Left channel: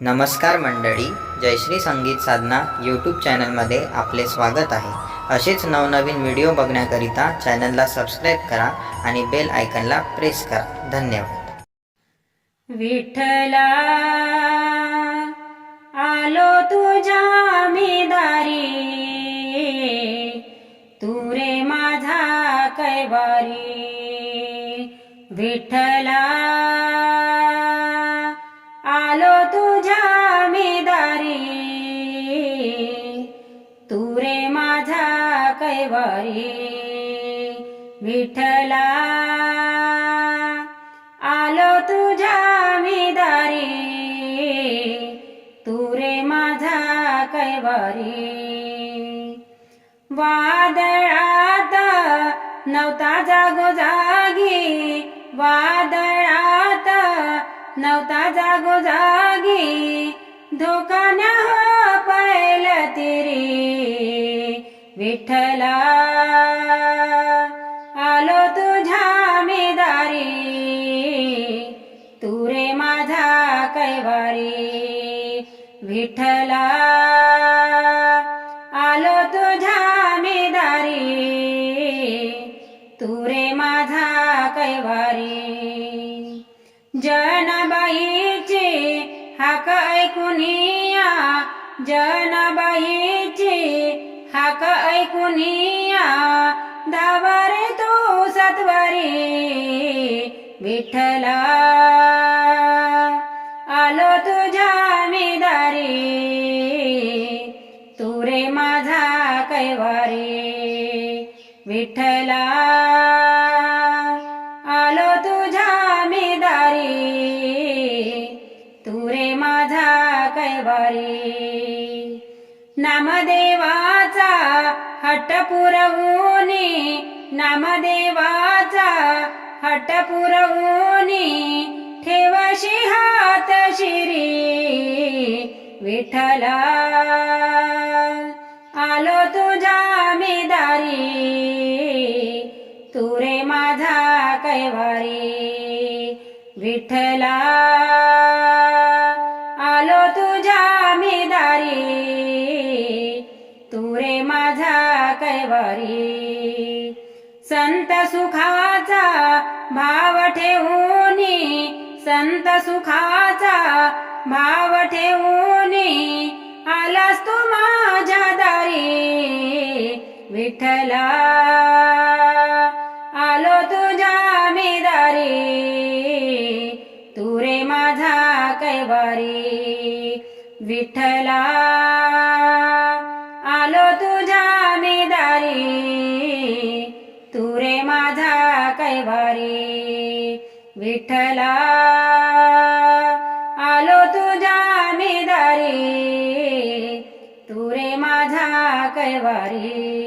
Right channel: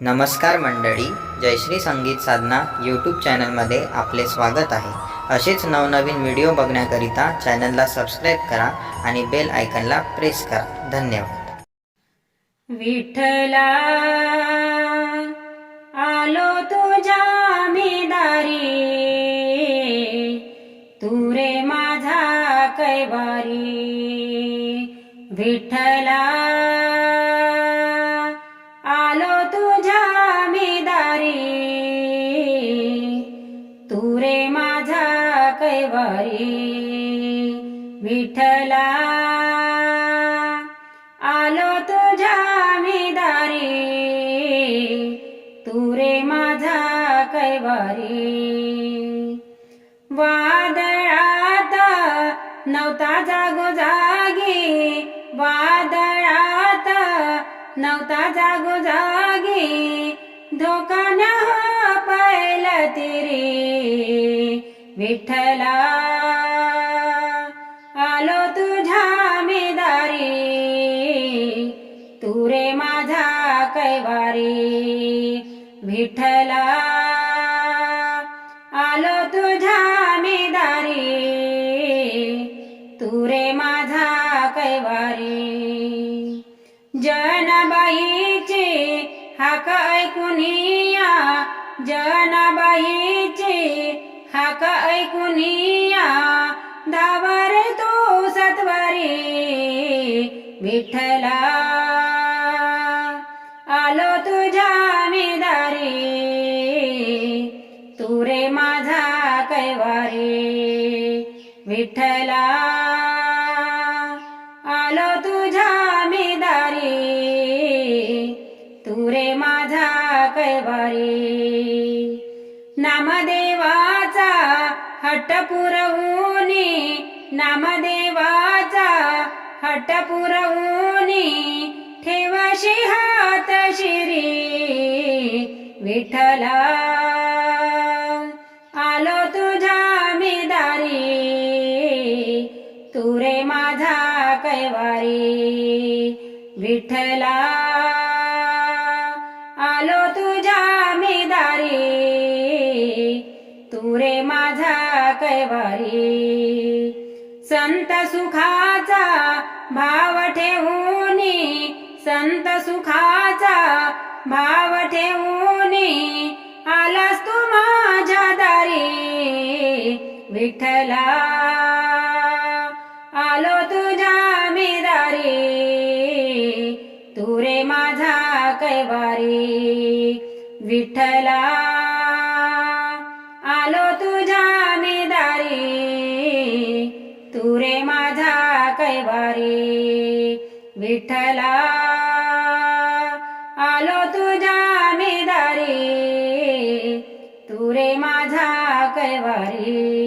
नमस्कार मंडळी, जयश्री संगीत साधना यूट्यूब चॅनलमध्ये आपले स्वागत आहे. असेच नवनवीन व्हिडिओ बघण्याकरिता चॅनलला सबस्क्राईब करा आणि बेल आयकॉनला प्रेस करा. धन्यवाद. विठ्ठला आलो तुझ्या मी दारी, तू रे माझा कैवारी. विठ्ठला आलो तुझ्या मी दारी, तू रे माझा कैवारी. विठ्ठला आलो तुझ्या मी दारी, तू रे माझा कैवारी. वादळात नव्हता जागोजागी, वादळात नव्हता जागोजागी, धोका न हो पायल तिरी. विठ्ठला आलो तुझ्या मी दारी, तू रे माझा कैवारी. विठ्ठला आलो तुझ्या मी दारी, तू रे माझा कैवारी. जनाबाईची हाक ऐकूनिया, जनाबाईची हाक ऐकूनिया, धावा रे तू सत्वरी. विठ्ठला आलो तुझ्या मी दारी, तू रे माझा कैवारी. विठ्ठला आलो तुझ्या मी दारी, तू रे माझा कैवारी. नामदेवाचा हट्ट पुरवूनी, नामदेवाचा हट्ट पुरवूनी, ठेवशी हात शिरी. विठ्ठला आलो तुझ्या मी दारी, तू रे माझा कैवारी. विठ्ठला आलो तुझ्या मी दारी, तू रे माझा कैवारी. संत सुखाचा भाव ठेवूनी, संत सुखाचा भाव ठेवूनी, आलास तू माझ्या दारी. विठ्ठला आलो तुझ्या मी दारी, तू रे माझा कैवारी. विठ्ठला आलो तुझ्या मी दारी, तू रे माझा कैवारी. विठ्ठला आलो तुझ्या मी दारी, तू रे माझा कैवारी.